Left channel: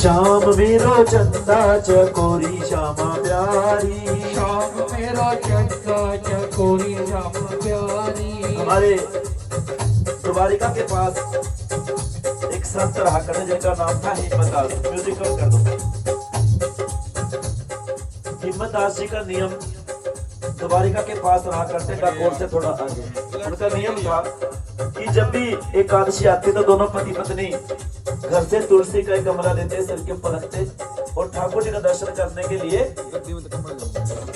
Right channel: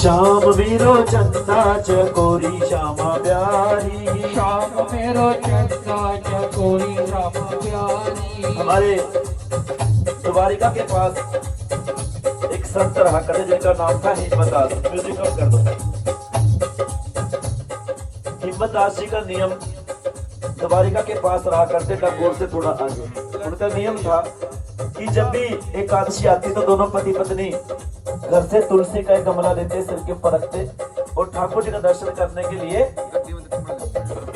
श्याम मेरो चंदा चकोरी श्यामा प्यारी, श्याम मेरो चंदा चकोरी श्यामा प्यारी। हमारे द्वारिका के पास एक संत रहा करते जिनका नाम था हिम्मतदास। म्यूजिक कम कर दो। हिम्मतदास जी का नियम द्वारिका के पास रहा करते डाकोर से थोड़ा आगे। उनका नियम था कि जब भी एकादशी आती तो दोनों पति पत्नी घर से तुलसी का एक गमला लेते, सिर के ऊपर रखते और ठाकुर जी का दर्शन करने के लिए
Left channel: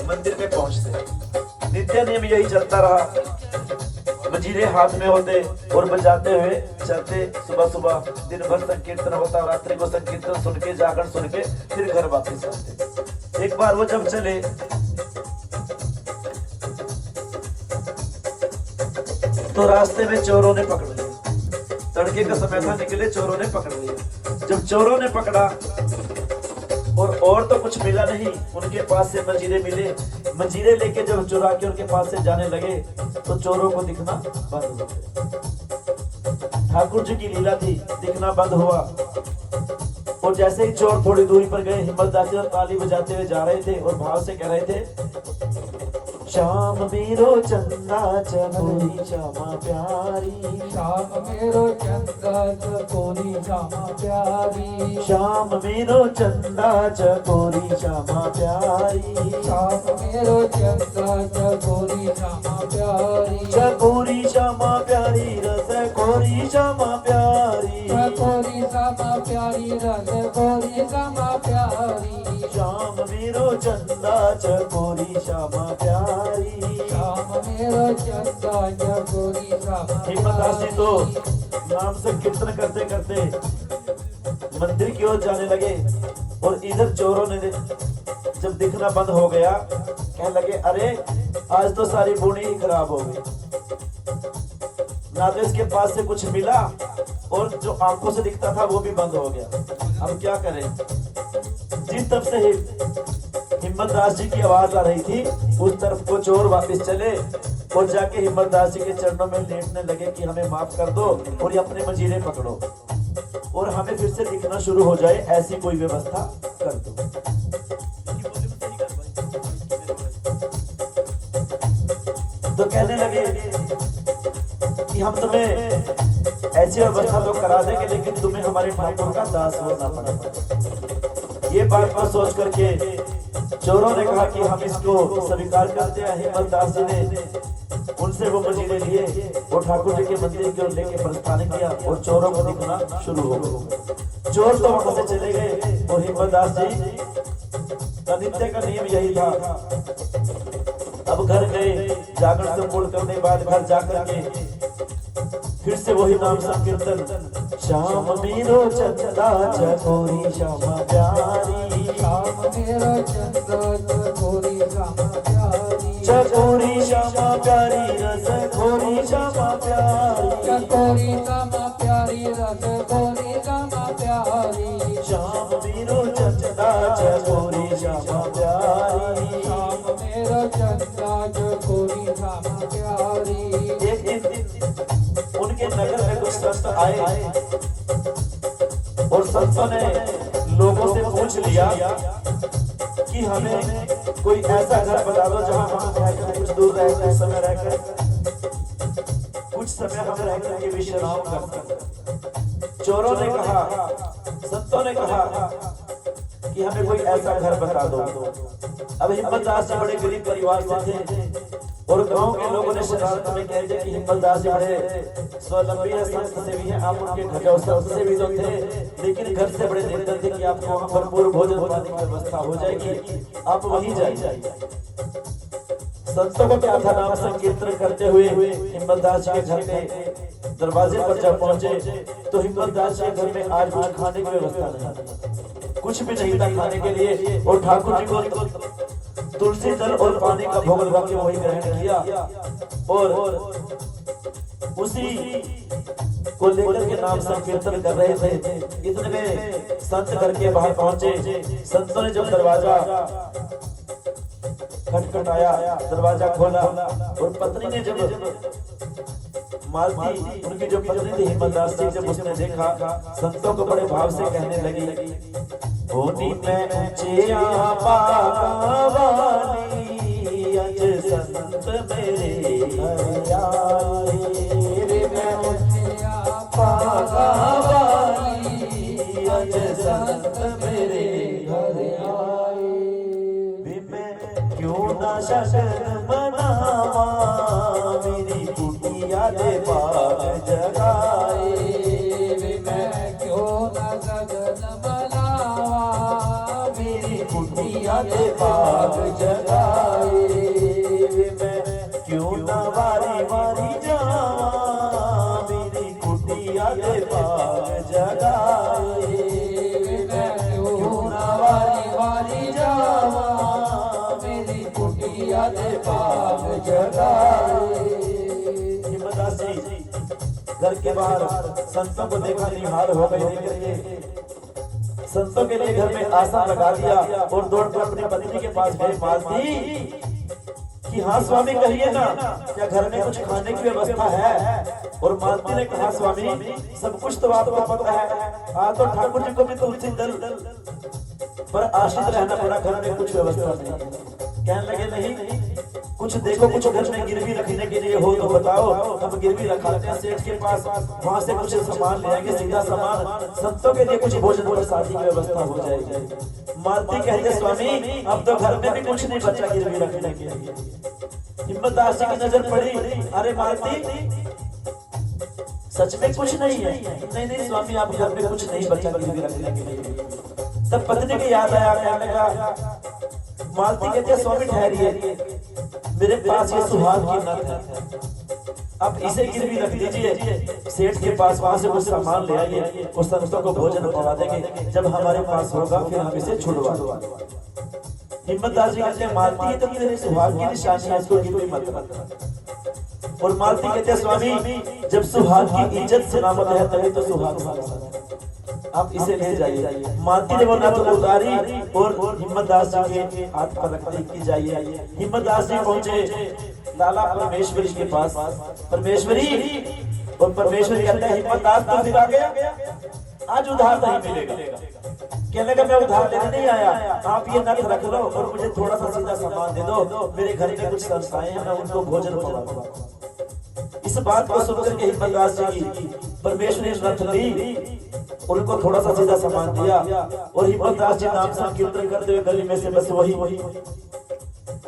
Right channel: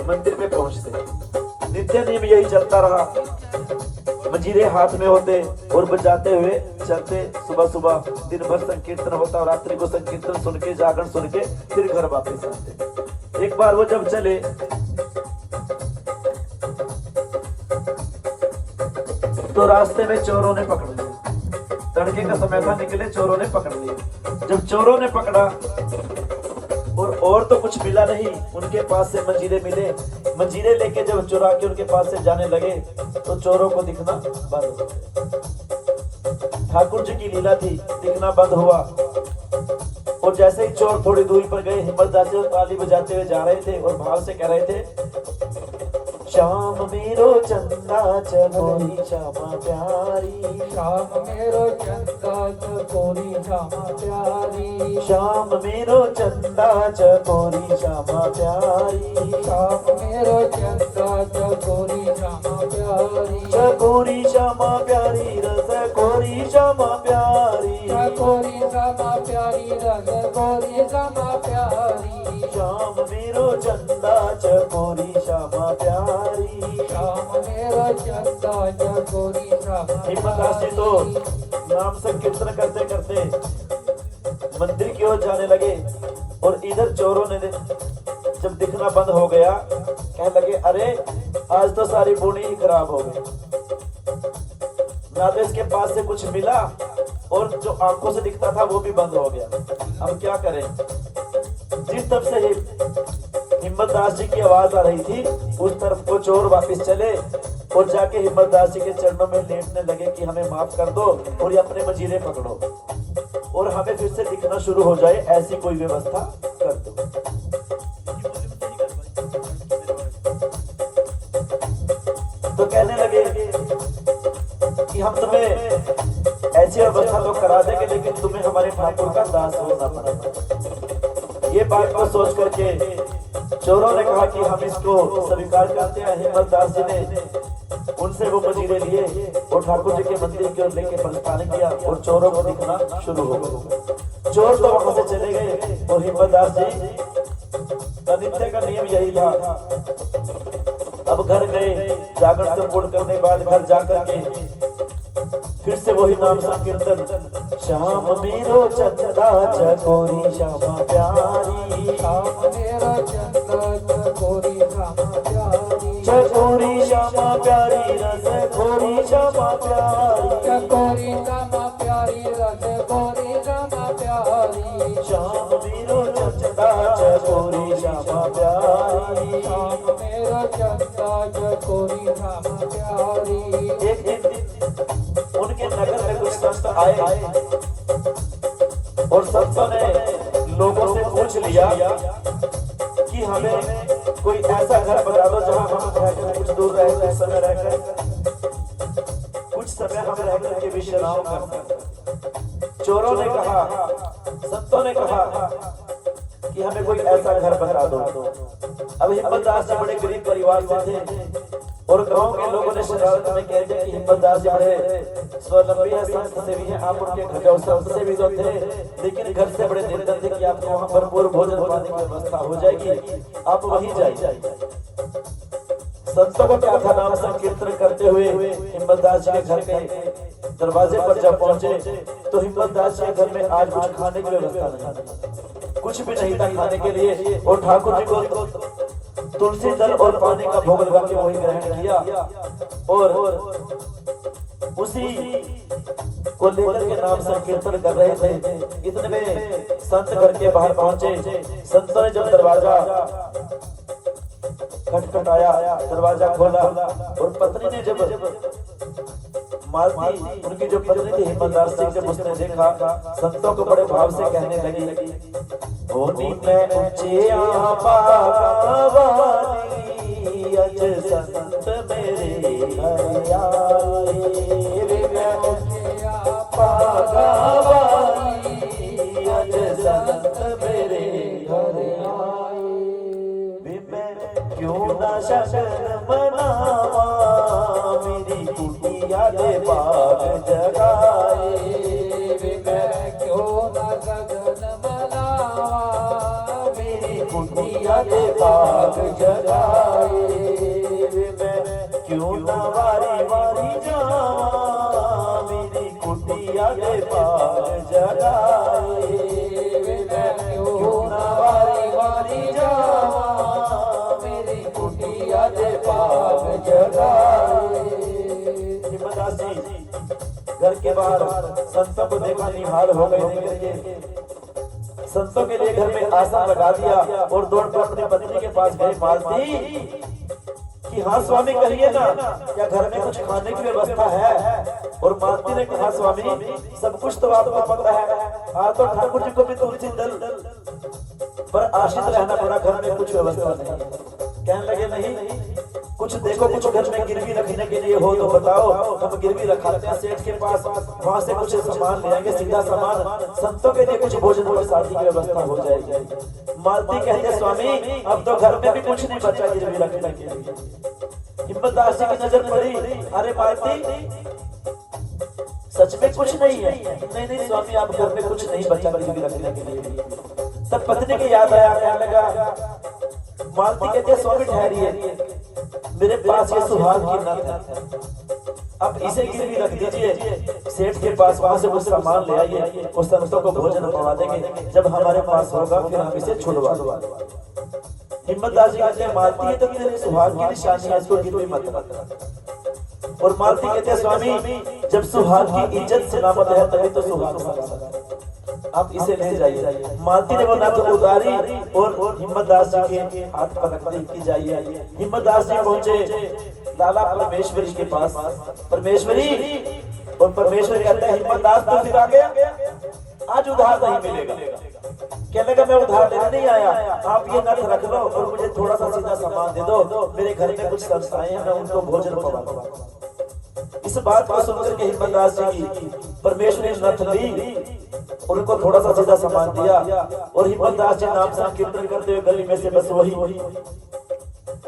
मंदिर में पहुंचते। नित्य नियम यही चलता रहा। मंजीरे हाथ में होते और बजाते हुए चलते। सुबह सुबह दिन भर संकीर्तन होता, रात्रि को संकीर्तन सुन के जागरण सुन के फिर घर वापस आते। एक बार वो जब चले तो रास्ते में चोरों ने पकड़ लिया। तड़के का समय था, निकले, चोरों ने पकड़ लिया। जब चोरों ने पकड़ा और तो कुछ मिला नहीं, उनके पास से मंजीरे मिले। मंजीरे लेके जब चुरा के उनके पास से जाने लगे तो चोरों को दिखना बंद हो गया। ठाकुर जी की लीला थी, दिखना बंद हुआ। और जैसे ही चोर थोड़ी दूरी पर गए, हिम्मतदास जी ताली बजाते हुए जा रहे थे और भाव से कह रहे थे, श्याम मेरो चंदा चकोरी श्यामा प्यारी, श्याम मेरो चंदा चकोरी श्यामा प्यारी। श्याम मेरो चंदा चकोरी श्यामा प्यारी, श्याम मेरो चंदा चकोरी श्यामा प्यारी। चकोरी श्यामा प्यारी रस कोरी श्यामा प्यारी, चकोरी श्यामा प्यारी रस कोरी श्यामा प्यारी। श्याम मेरो चंदा चकोरी श्यामा प्यारी। श्याम मेरो चंदा चकोरी श्यामा हिम्मतदास जी तो नाम से कीर्तन करते करते मंदिर की ओर जाने लगे और इधर चोरों ने जब दिखना बंद हो गया, कहने लगे, अरे आज तो सारी बुनी ही खराब हो गई। ना तो इसके पास से कुछ मिला और जो आंखों से दिखता था वो भी बंद हो गया। अब क्या करें? जिस तरफ से हिम्मतदास जी की आवाज आ रही थी उस तरफ को चोर वापस चले और जाके हिम्मतदास जी के चरणों में लेटने लगे कि हमें माफ कर दो और ये अपने मंजीरे पकड़ो और हमें फिर से दिखना शुरू हो जाए, ऐसी कोई व्यवस्था कर दो। तो कहने लगे कि हम तुम्हें ऐसी व्यवस्था तो करा देंगे, लेकिन तुम्हें हमारे ठाकुर का दास होना पड़ेगा। ये बात को सोच करके चोरों ने कहा कि हम इसको स्वीकार करते हैं। हिम्मतदास जी ने उनसे वो मंजीरे लिए और ठाकुर जी के मंदिर की ओर लेके प्रस्थान किया और चोरों को दिखना शुरू हो गया। चोर तो वहां से चले गए और हिम्मतदास जी का नित्य का नियम यही था। अब घर गए, जागरण संपूर्ण करने के बाद घर जाकर के फिर से वही नाम संकीर्तन, श्याम मेरो चंदा चकोरी श्यामा प्यारी, श्याम मेरो चंदा चकोरी श्यामा प्यारी। चकोरी श्यामा प्यारी रस खोरी श्यामा प्यारी, चकोरी श्यामा प्यारी रस खोरी श्यामा प्यारी। श्याम मेरो चंदा चकोरी श्यामा प्यारी, श्याम मेरो चंदा चकोरी श्यामा प्यारी। एक दिन उनके नगर में कुछ संत आए और संतों ने लोगों से पूछ लिया कि हमें कोई ऐसा घर बता दो जहां हम रहकर कुछ दूर रहकर समय रहकर कुछ समय हम रहकर के विश्राम कर सकते। चोरों ने कहा, संतों ने कहा कि हमें कोई ऐसा घर बता दो। अब हिम्मतदास जी बड़े गरीब परिवार से थे और गांव के लोगों ने शरारत में कह दिया कि हिम्मतदास जी बड़े स्वावलंबी है, संत से भी है, आप उनके घर जाओ। संत से भी जो थे लेकिन घर से बड़े निर्धन थे कि आप वहाँ भरपूर भोजन पानी की व्यवस्था हो जाएगी, आप वहीं जाइए। संतों को क्या था, नाम संकीर्तन करते हुए हिम्मतदास जी के घर के दरवाजे पर जब पहुंचे तो हिम्मतदास जी के घर में आज कुछ खाने की व्यवस्था नहीं, कुछ भी नहीं था खाने के लिए। और ठाकुर जी को तुलसी दल और पानी का भोग लगा के वही ग्रहण किया और उसी को लेकर के नाम संकीर्तन कर रहे थे। इतने में संत घर के बाहर पहुंचे। संतों ने जब दरवाजा खटखटाया, दरवाजा खोला और पत्नी ने जब मालती उनकी जो पत्नी थी हिम्मतदास सिंह, जब उसने देखा संतों को बड़े भाव से कहने लगी, होनी मैं ऊंचे वाली अज संत मेरे घर आए, मैं ऊंचे वाली अज संत मेरे घर आए, मैं क्यों ना शरण मनावा मेरी कुटिया दे बाग जगाए, मैं क्यों ना शरण मनावा मेरी कुटिया दे बाग जगाए, मैं क्यों ना वारी वारी जावा मेरी कुटिया दे बाग जगाए, मैं क्यों ना वारी वारी जावा मेरी कुटिया दे बाग जगाए। हिम्मतदास जी घर के बाहर संतों को देखा, निहाल हो गए, लेकर के संतों के लिए घर में आसन लगा दिया और दौड़ कर अपनी पत्नी के पास गए, मालती कि हाँ स्वामी कहिए ना, क्या घर में कुछ खाने की व्यवस्था है? और मालती ने कहा, स्वामी सब कुछ तो आपको पता है, हाँ तो ठाकुर जी को भी तुलसी दल पर आश्रित रहना पड़ा, घर में कुछ व्यवस्था नहीं। कहने लगे नहीं, कुछ देखो, कुछ घर में गिरवी रखने के लिए हो तो बताओ, हम गिरवी रखाते हैं सेठ के पास, वहां से कुछ सामान ले आएंगे, सीधा सामान, संतों के लिए कुछ भोजन और शादी की व्यवस्था हो जाएगी। मालती कहते, स्वामी अब तो घर में भी कुछ नहीं बचा गिरवी रखने के लिए। हिम्मतदास जी की नजर पड़ी, अरे मालती सच में कुछ नहीं है? नहीं नहीं स्वामी, आप घर में कुछ नहीं बचा गिरवी रखने के लिए। तब पत्नी की याद आया, कहने लगा, मालती कहते, स्वामी ठहरिए, मेरे पास ये सुहाग की नथ है, अब इसे गिरवी रख दीजिए सेठ के पास, वहां से कुछ सामान ले आइए, उस संतों को भोजन करवा देंगे, जब हमारे पास होगा फिर हम इसे छुड़वा दो। हिम्मतदास जी कहते हैं, मालती ये तो तेरे सुहाग की निशानी है, इसको गिरवी मत रख। और मालती कहते हैं, स्वामी जब सुहाग की इज्जत सलामत है तभी तो सुहाग साथ, आप इसे ले जाइए। मालती ने वो नथ उतारी और हिम्मतदास जी के हाथ पलक की जाइए। हिम्मतदास जी पहुंचे लाला परमेश्वरी के पास, परमेश्वरी, और परमेश्वरी कहते हैं, हिम्मतदास तो फिर आ गया, आज उधार नहीं मिलेगा। कहने लगा, मैं उधार लेने नहीं आया, आप ये नथ रख लो और मुझे थोड़ा सा सीधा सामान दे दो, मेरे घर में कुछ संस्थाएं हैं, मैं उनको भोजन खिलाऊंगा। इस बात को सुनकर के हिम्मतदास जी परमेश्वरी ने नथ ली, उनको थोड़ा सा सीधा सामान दिया और हिम्मतदास जी नाम संकीर्तन करते हुए गली में से बस वही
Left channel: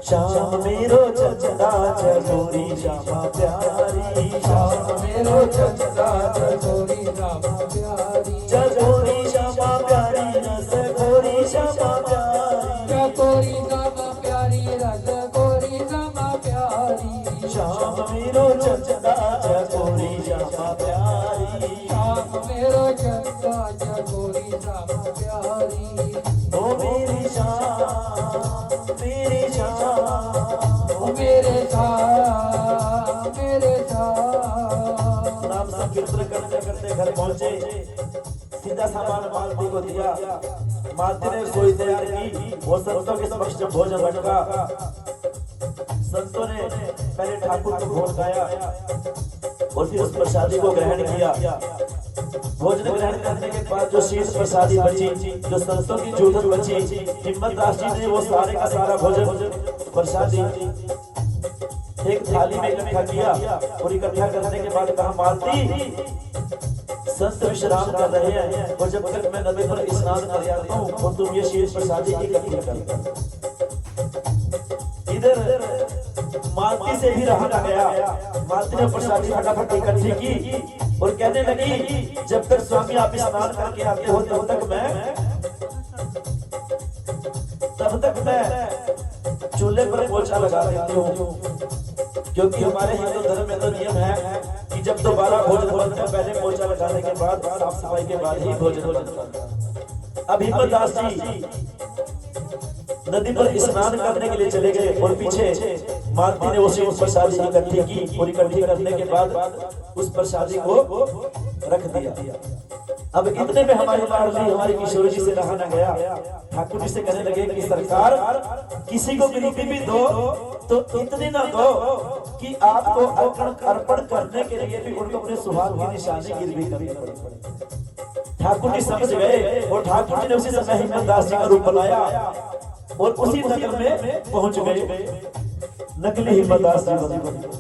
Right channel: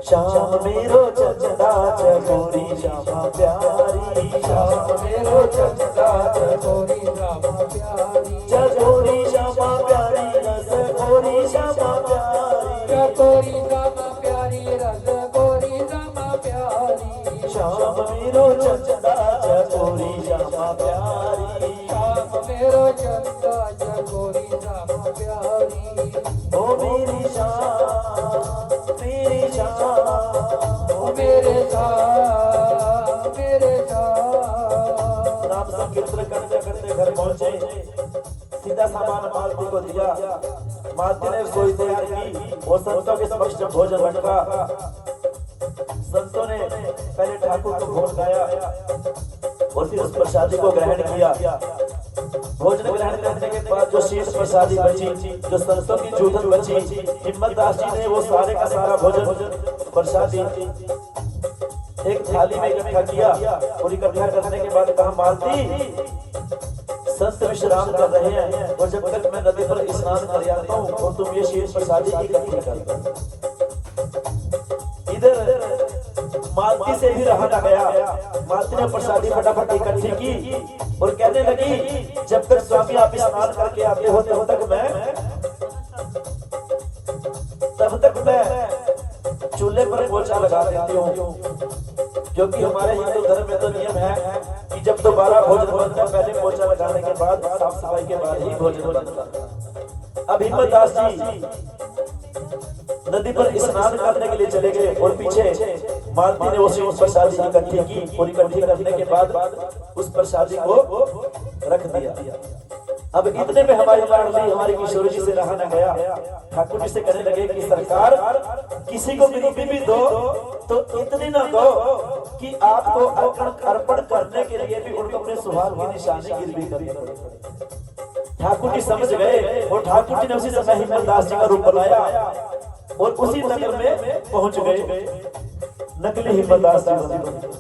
श्याम मेरो चंदा चकोरी श्यामा प्यारी, श्याम मेरो चंदा चकोरी श्यामा प्यारी, चकोरी श्यामा प्यारी रस गोरी श्यामा प्यारी, चकोरी श्यामा प्यारी रस गोरी श्यामा प्यारी, श्याम मेरो चंदा चकोरी श्यामा प्यारी, श्याम मेरो चंदा चकोरी श्यामा प्यारी, ओ मेरी श्याम मेरी श्याम, ओ मेरे नाम संकीर्तन करते करते घर पहुंचे, सीधा सामान मालती को दिया। मालती ने रसोई तैयार की और संतों के समक्ष जब भोजन बंटा, संतों ने पहले ठाकुर को भोग गाया और फिर उस प्रसादी को ग्रहण किया। भोजन ग्रहण करने के बाद जो शेष प्रसादी बची, जो संतों की जूठन बची, हिम्मतदास जी ने वो सारे का सारा भोजन प्रसादी एक थाली में इकट्ठा किया और इकट्ठा करने के बाद कहा, मालती संत विश्राम कर रहे हैं और जब तक मैं नदी पर स्नान कर आता हूँ और तुम ये शेष प्रसादी इकट्ठी कर। इधर मालती से भी रहा न गया, मालती ने प्रसादी फटाफट इकट्ठी की और कहने लगी, जब तक स्वामी आप स्नान करके आते हो तब तक मैं चूल्हे पर पोछा लगा देती हूँ, क्योंकि हमारे हिंदू धर्म में तो नियम है कि जब दोबारा भोजन बनता है पहले पोछा लगाने के बाद साफ सफाई के बाद ही भोजन बनता है। अब हिम्मतदास जी नदी पर स्नान करने के लिए चले गए और पीछे मालती ने उस प्रसादी इकट्ठी की और इकट्ठी करने के बाद उस प्रसादी को रख दिया। अब इतने में हमारी लाडली हमारी किशोरी जी से रहा न गया, ठाकुर जी से कहने लगे कि सरकार किसी को गरीबी भी दो तो इतनी ना दो कि आपको अर्पण करने के लिए भी उनको अपने सुहाग की निशानी गिरवी करनी पड़ी। ठाकुर जी समझ गए और ठाकुर जी ने उसी समय हिम्मत दास जी का रूप बनाया और उसी नगर में पहुंच गए। नकली हिम्मत दास जी बने।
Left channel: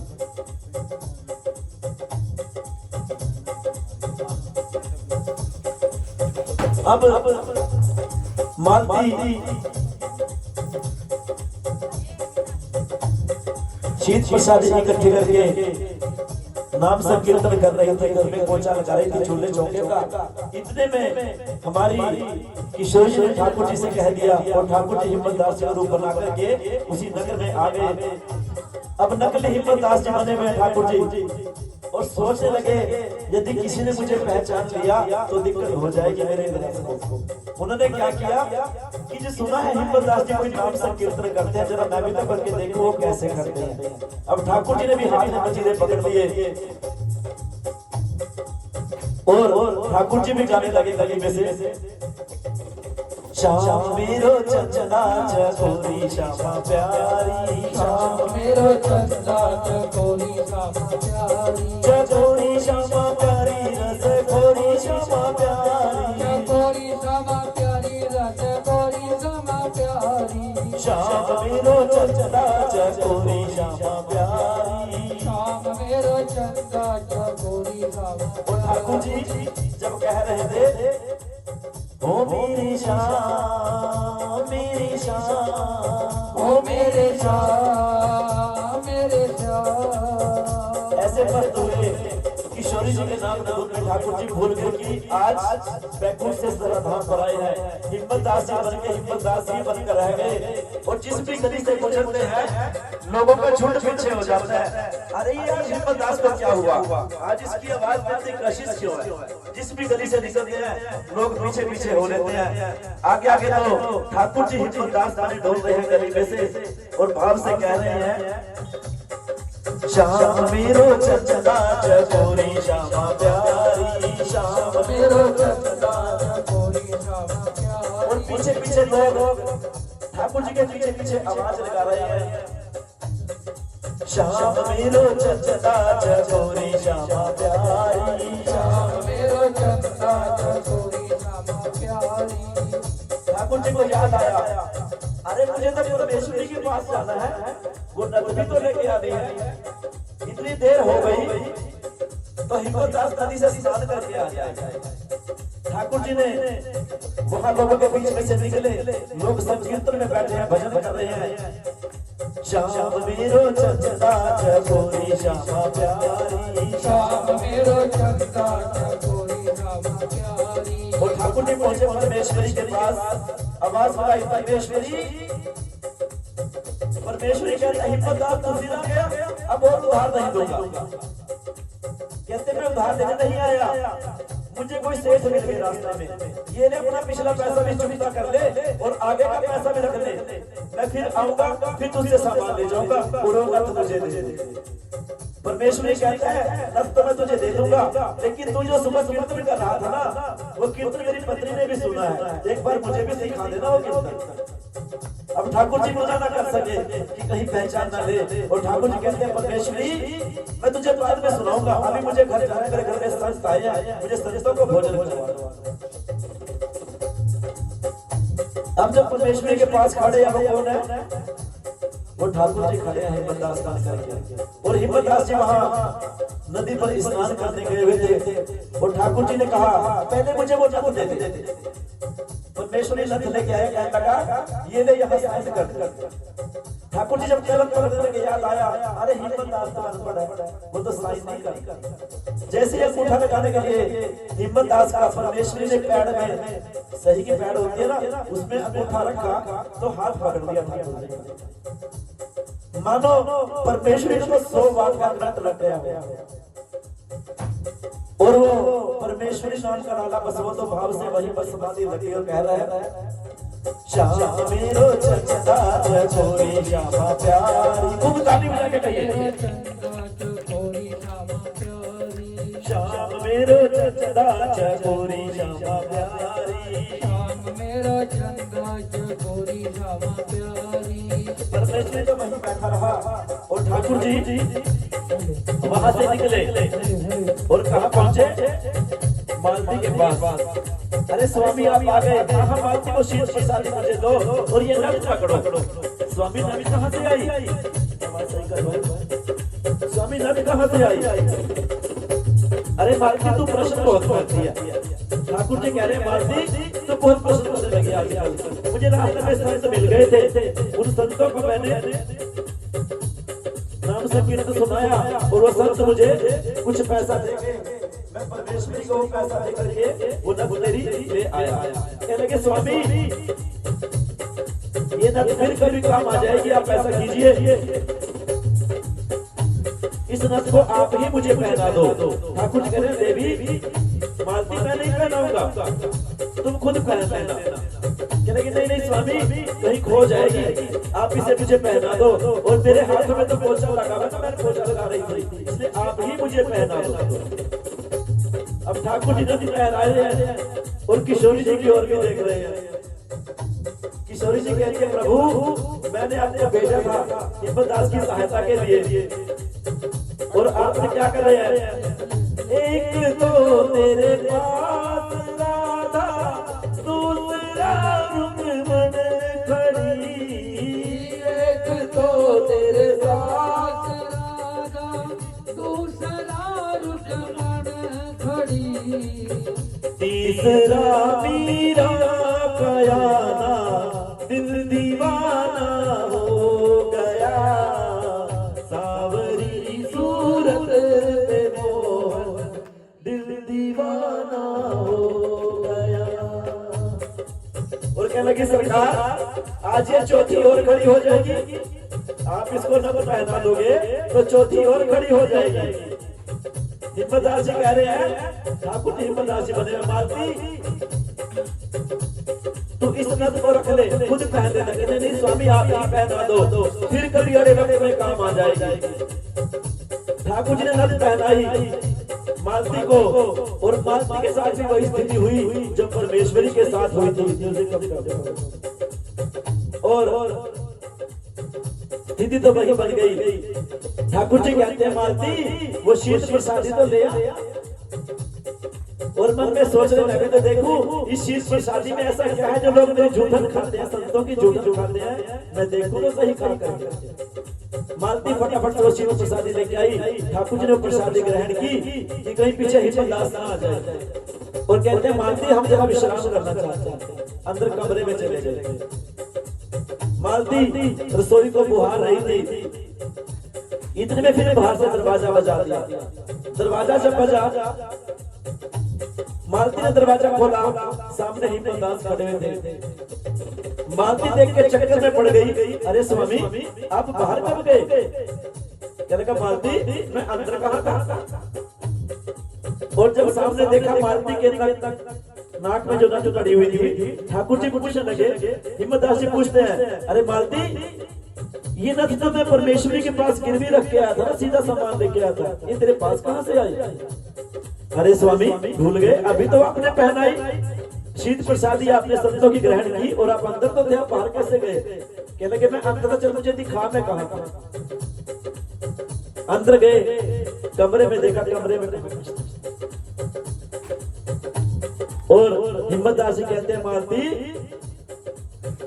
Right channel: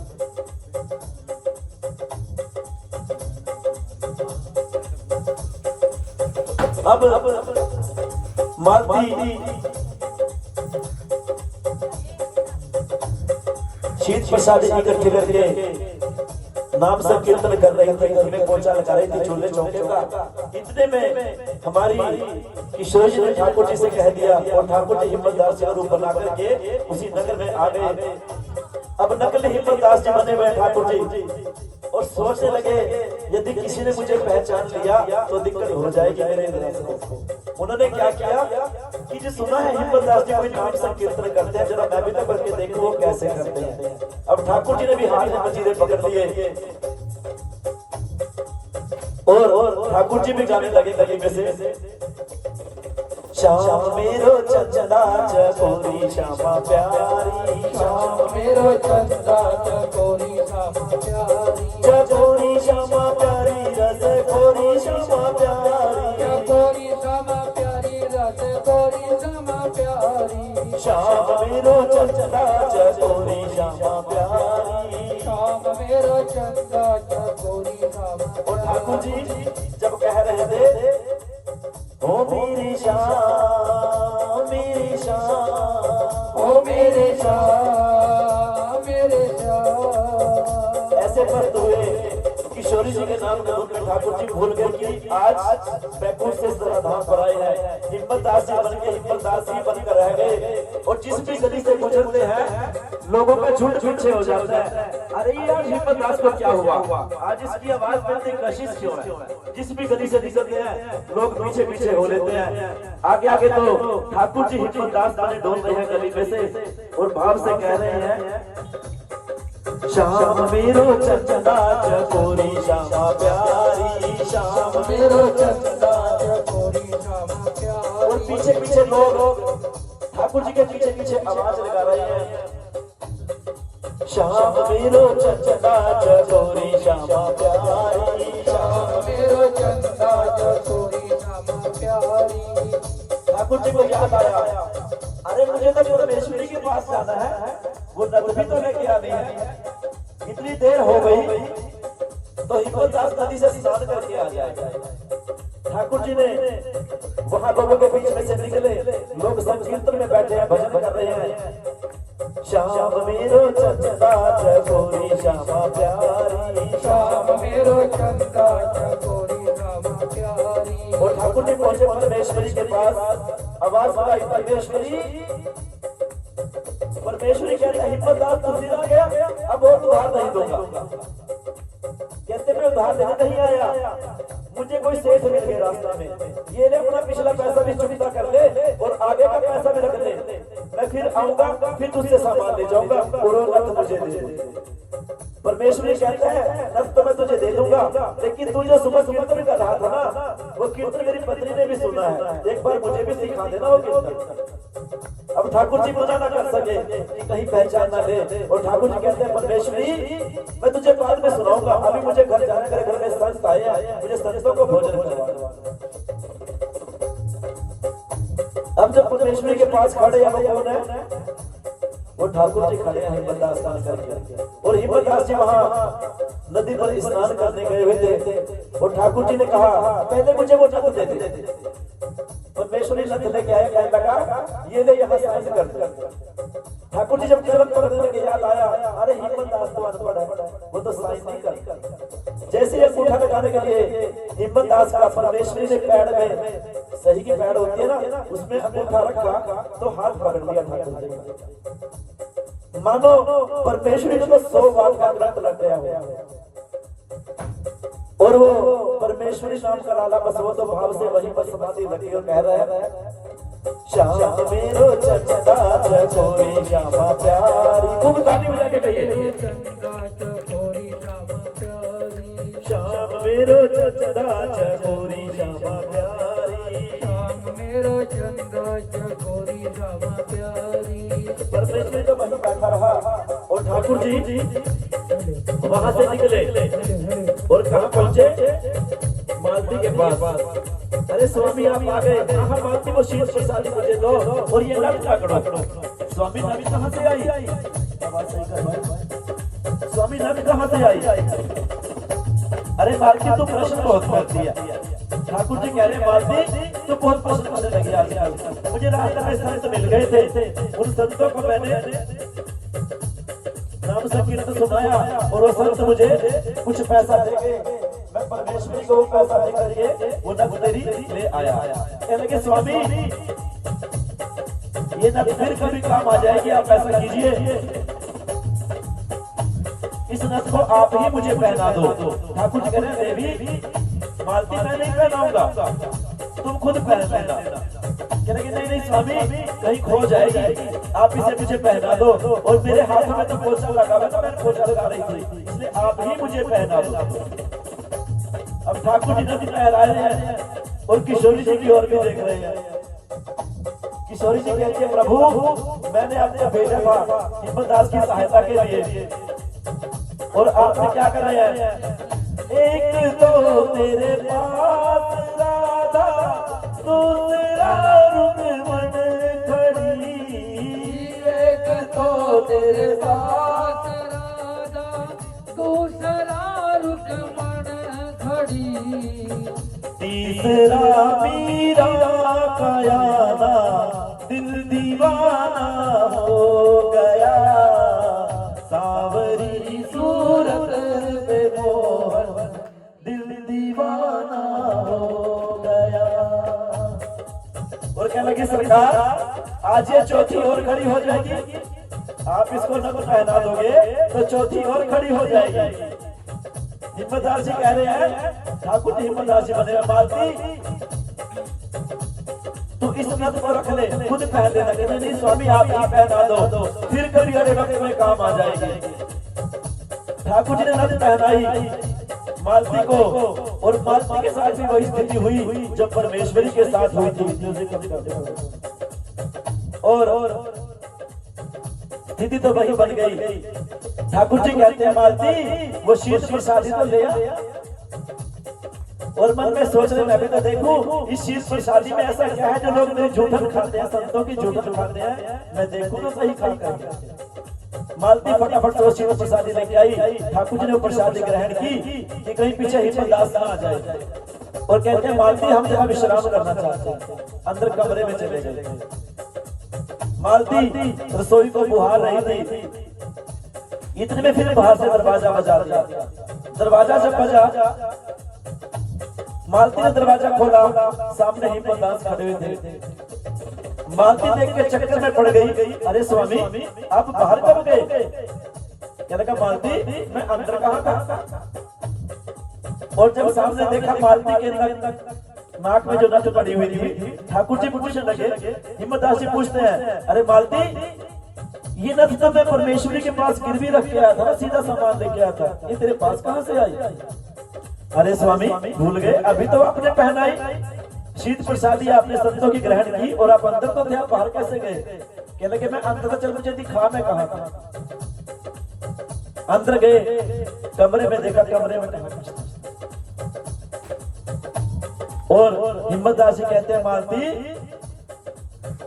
अब मालती शीत प्रसाद इकट्ठे करके नाम संकीर्तन कर रही थी, घर में पोछा लगा रही थी चूल्हे चौके का। इतने में हमारी किशोर जी ने ठाकुर जी से कह दिया और ठाकुर जी हिम्मत दास जी का रूप बना करके उसी नगर में आ गए। अब नकली हिम्मत दास जी बने हुए ठाकुर जी और सोचने लगे यदि किसी ने मुझे पहचान लिया तो दिक्कत हो जाएगी मेरे दर्शकों को। उन्होंने क्या किया कि जी सुना है हिम्मत दास जी कोई नाम संकीर्तन करते हैं, जरा मैं भी तो करके देखूं वो कैसे करते हैं। अब ठाकुर जी ने भी हाथ में मजीरे पकड़ लिए और ठाकुर जी भी गाने लगे लगे में से श्याम मेरो चंदा चकोरी श्यामा प्यारी, श्याम मेरो चंदा चकोरी श्यामा प्यारी, चकोरी श्यामा प्यारी रस कोरी श्यामा प्यारी, चकोरी श्यामा प्यारी रस कोरी श्यामा प्यारी, श्याम मेरो चंदा चकोरी श्यामा प्यारी, श्याम मेरो चंदा चकोरी श्यामा प्यारी। और ठाकुर जी जब कह रहे थे ओ मेरी श्याम मेरी श्याम ओ मेरे श्याम मेरे श्याम, ऐसे पद हुए किशोरी जी के नाम में ठाकुर जी भूल गए कि आज बैकुंठ से जरा धाम पर आए हैं। हिम्मत दास जी बन के हिम्मत दास जी बनकर रह गए और जिस भी गली से गुजरते हैं लोगों को झूठ पीछे हो जाता है, अरे ये आज हिम्मत दास को क्या हुआ, आज इसकी आवाज में इतनी कशिश क्यों है। जिस भी गली से निकलते हैं लोग पीछे पीछे हो लेते हैं। आगे आगे तो ठाकुर जी हिम्मत दास बने डोल रहे हैं गली में से और भाव से कह रहे हैं श्याम मेरो चंदा चकोरी श्यामा प्यारी, श्याम मेरो चंदा चकोरी श्यामा प्यारी। और पीछे पीछे लोग ठाकुर जी के पीछे पीछे आवाज लगा रहे हैं श्याम मेरो चंदा चकोरी श्यामा प्यारी, श्याम मेरो चंदा चकोरी श्यामा प्यारी। ठाकुर जी को याद आया अरे मुझे तो परमेश्वरी के पास जाना है, वो नदी भी तो लेके आनी है। इतनी देर हो गई तो हिम्मत दास नदी से स्नान करके आ जाए। ठाकुर जी ने वहां लोगों के बीच में से निकले, लोग संकीर्तन में बैठे हैं, भजन कर रहे हैं। श्याम मेरो चंदा चकोरी श्यामा प्यारी, श्याम मेरो चंदा चकोरी श्यामा प्यारी। और ठाकुर जी पहुंचे परमेश्वरी के पास, आवाज लगाई परमेश्वरी। परमेश्वरी कहते हैं हिम्मत दास तुम जिला गया, अब और उधार नहीं दूंगा। कहते मैं उधार देने नहीं आया, मुझे कोई सेठ मिल गया रास्ते में, ये ले अपना पिछला पैसा भी चुकता कर ले और आगे का पैसा भी रख ले, मैं फिर आऊंगा फिर तुझसे सामान ले जाऊंगा और वो नथ मुझे दे दे। परमेश्वरी कहता है नथ तो मैं तुझे दे दूंगा, लेकिन तू जो सुबह कीर्तन कर रहा था ना वो कीर्तन मेरी पत्नी ने भी सुना है, एक बार मुझे भी सिखा देना वो कीर्तन। अब ठाकुर जी मना ना कर सके कि कहीं पहचान ना ले और ठाकुर जी कहते हैं परमेश्वरी मैं तुझे बाद में सुनाऊंगा, अभी मुझे घर जाने कर घर में संत आए हैं, मुझे संतों को भोजन करवाना। अब जब परमेश्वरी के पास खड़े हैं वो कौन है, वो ठाकुर जी खड़े हैं हिम्मत दास स्नान करके, और हिम्मत दास जी वहां नदी पर स्नान करने गए हुए थे और ठाकुर जी ने कहा पहले मुझे वो नथ दे दे। परमेश्वरी नथ लेके आए, कहने लगा ये ले यहाँ साइन कर दे। ठाकुर जी जब तुरंत पकड़ने के याद आया अरे हिम्मत दास तो अनपढ़ है, वो तो साइन नहीं करता। जैसे ये अंगूठा लगाने के लिए हिम्मत दास का परमेश्वरी ने पैर में सही की पैर होती है ना उसमें अंगूठा रखा तो हाथ पकड़ लिया ठाकुर जी ने। मानो परमेश्वरी ने तो 100 बात का ग्रंथ रख दिया हुआ और वो परमेश्वरी नाम का लाला बस वो तो भाव से वहीं पर समाधि लगी और कह रहा है श्याम मेरो चंदा चकोरी श्यामा प्यारी। खूब ताली बजा के कहिए चंदा चकोरी श्यामा प्यारी, श्याम मेरो चंदा चकोरी श्यामा प्यारी, श्याम मेरो चंदा चकोरी श्यामा प्यारी। परमेश्वरी तो वहीं बैठा रहा और ठाकुर ठाकुर जी वहां से निकले और कहाँ पहुंचे? मालती के पास। अरे स्वामी आप आ गए, हाँ मालती को शीश प्रसादी मुझे दो और ये नट ना करो। स्वामी नट कहाँ से आई? स्वामी नट कहाँ से आई? अरे मालती तू प्रश्न बहुत करती है। ठाकुर जी कह रहे हैं मालती तो बहुत प्रश्न करने लगी आजकल। मुझे रास्ते में संत मिल गए थे, उन संतों को मैंने नाम संकीर्तन सुनाया और वो संत मुझे कुछ पैसा देंगे, मैं परमेश्वरी को पैसा दे करके वो नथ तेरी ले आया। कहने लगे स्वामी ये नथ फिर कभी काम आ जाएगी, आप ऐसा कीजिए इस नथ को आप ही मुझे पहना दो। ठाकुर जी कह रहे हैं देवी मालती मैं नहीं पहनाऊंगा, तुम खुद पहनना। कहने लगे नहीं नहीं स्वामी कहीं खो जाएगी, आप इसे मुझे पहना दो। और मेरे हाथ में तो पोछा लगा हुआ था, मैंने पोछा लगा रही थी, इसलिए आप ही मुझे पहना दो। अब ठाकुर जी नथ पहना रहे हैं और किशोरी जी की ओर भी देख रहे हैं। किशोरी जी कहती है प्रभु मैंने आपको भेजा था हिम्मत दास की सहायता के लिए और आपने क्या कर रहे हैं? एक तो तेरे पास राधा दूसरा रुक्मण खड़ी, एक तो तेरे पास राधा दूसरा रुक्मण खड़ी, तीसरा मीरा कयाना दिल दीवाना हो गया, सावरी सूरत पे मोहन दिल दीवाना हो गया। और क्या लगी सरकार आज ये चौथी और खड़ी हो जाएगी, आप इसको नथ पहना दोगे तो चौथी और खड़ी हो जाएगी। हिम्मतदार जी कह रहे हैं ठाकुर जी हिम्मतदार जी बने मालती तो इस नथ को रख ले खुद पहन लेना। कहते नहीं स्वामी आप ही पहना दो फिर कभी अगले वक्त में काम आ जाएगी। ठाकुर जी ने नथ पहनाई मालती को और मालती के साथ भी वही स्थिति हुई जब परमेश्वरी के साथ हुई थी। और स्थिति तो वही बन गई। ठाकुर जी कहते हैं मालती वो शीश प्रसादी तो ले आ। और मन में सोचने लगे तो देखूं इस शीश प्रसादी में ऐसा क्या है जो लोग मेरी झूठन खाते हैं, संतों की झूठन खाते हैं, मैं देखूं तो सही खा करके। मालती फटाफट से शीश प्रसादी लेके आई। ठाकुर जी ने प्रसादी ग्रहण की कि कहीं पीछे हिम्मत दास ना आ जाए और कहते हैं मालती हम जरा विश्राम करना चाहते हैं, अंदर कमरे में चले गए। मालती रसोई को बुहार रही थी, इतने में फिर बाहर से दरवाजा बजा दिया। दरवाजा जब बजा मालती ने दरवाजा खोला, सामने हिम्मत दास खड़े हुए थे। मालती देख के चक्कर में पड़ गई, अरे स्वामी आप बाहर कब गए? कहने लगा मालती मैं अंदर कहाँ था। और जब सामने देखा मालती के नाक में जो नथ पड़ी हुई थी, ठाकुर जी पूछने लगे, हिम्मत दास जी पूछते हैं अरे मालती ये नथ तो मैं परमेश्वरी के पास गिरवी रख के आया था, सीधा सामान लेके आया था, ये तेरे पास कहाँ से आई? अरे स्वामी भूल गए, अभी तो आपने पहनाई शीत प्रसादी आपने संतों की ग्रहण की और आप अंदर तो थे, आप बाहर कैसे गए? कहने लगे मैं अंदर चल मुझे दिखा मैं कहा था। अंदर गए, कमरे में देखा, कमरे में और हिम्मतदार जी कहते हैं मालती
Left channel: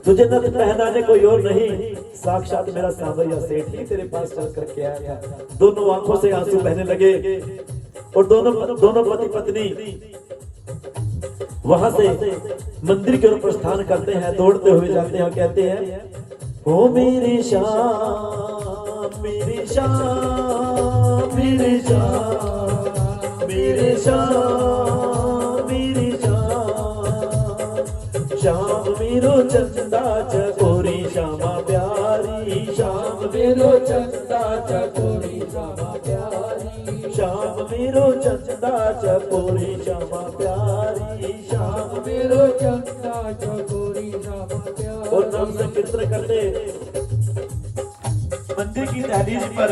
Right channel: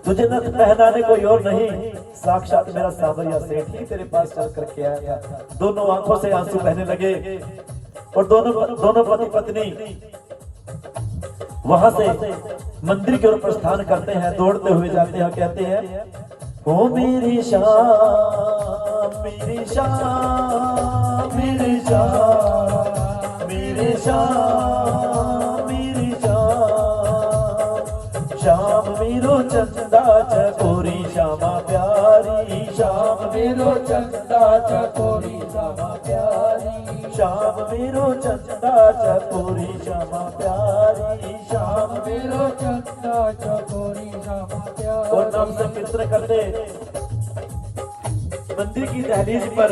तुझे नथ पहनाने कोई और नहीं, साक्षात मेरा सावरिया सेठ ही तेरे पास चल करके आया था। दोनों आंखों से आंसू बहने लगे और दोनों पति पत्नी वहां से मंदिर की ओर प्रस्थान करते हैं, दौड़ते हुए जाते हैं, कहते हैं ओ मेरी शाम मेरी शाम मेरी शाम मेरी शाम मेरी शाम, शाम मेरो चंदा चकोरी श्यामा प्यारी, शाम मेरो चंदा चकोरी श्यामा प्यारी, शाम मेरो चंदा चकोरी श्यामा प्यारी, शाम मेरो चंदा चकोरी श्यामा प्यारी। और नाम संकीर्तन करते मंदिर की दहलीज पर